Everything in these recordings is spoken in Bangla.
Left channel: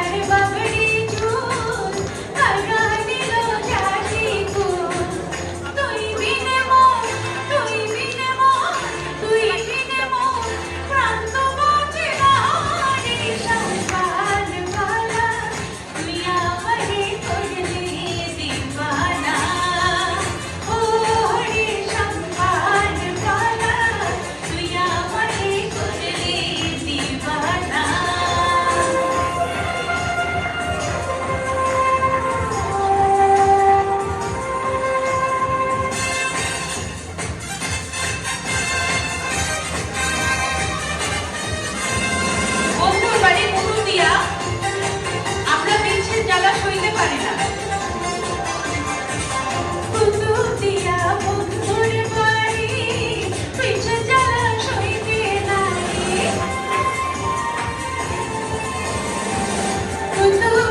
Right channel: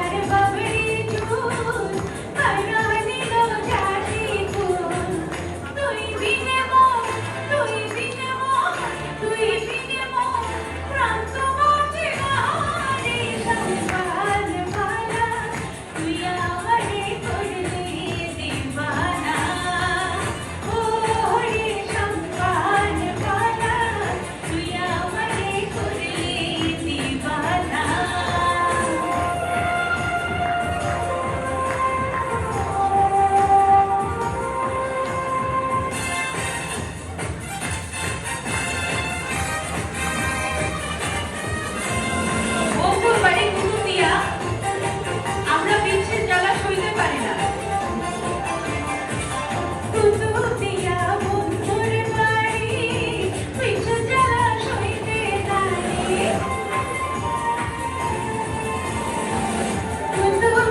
Everybody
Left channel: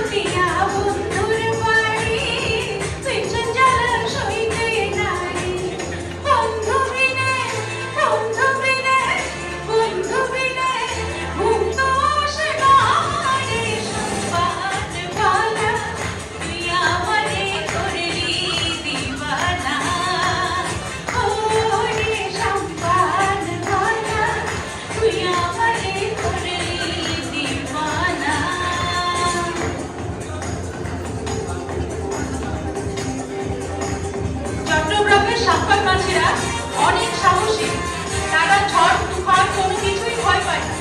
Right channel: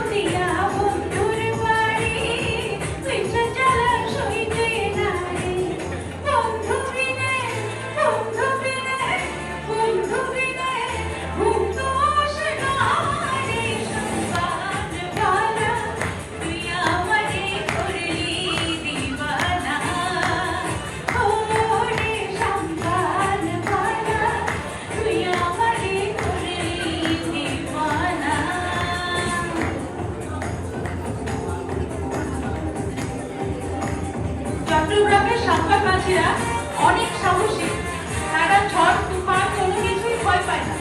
contigo. চট্টগ্রামের সাক্ষর মাছেরা অনেক সাহসী। তারা ঝড় তুফান কোনো কিছুই ভয় পায় না।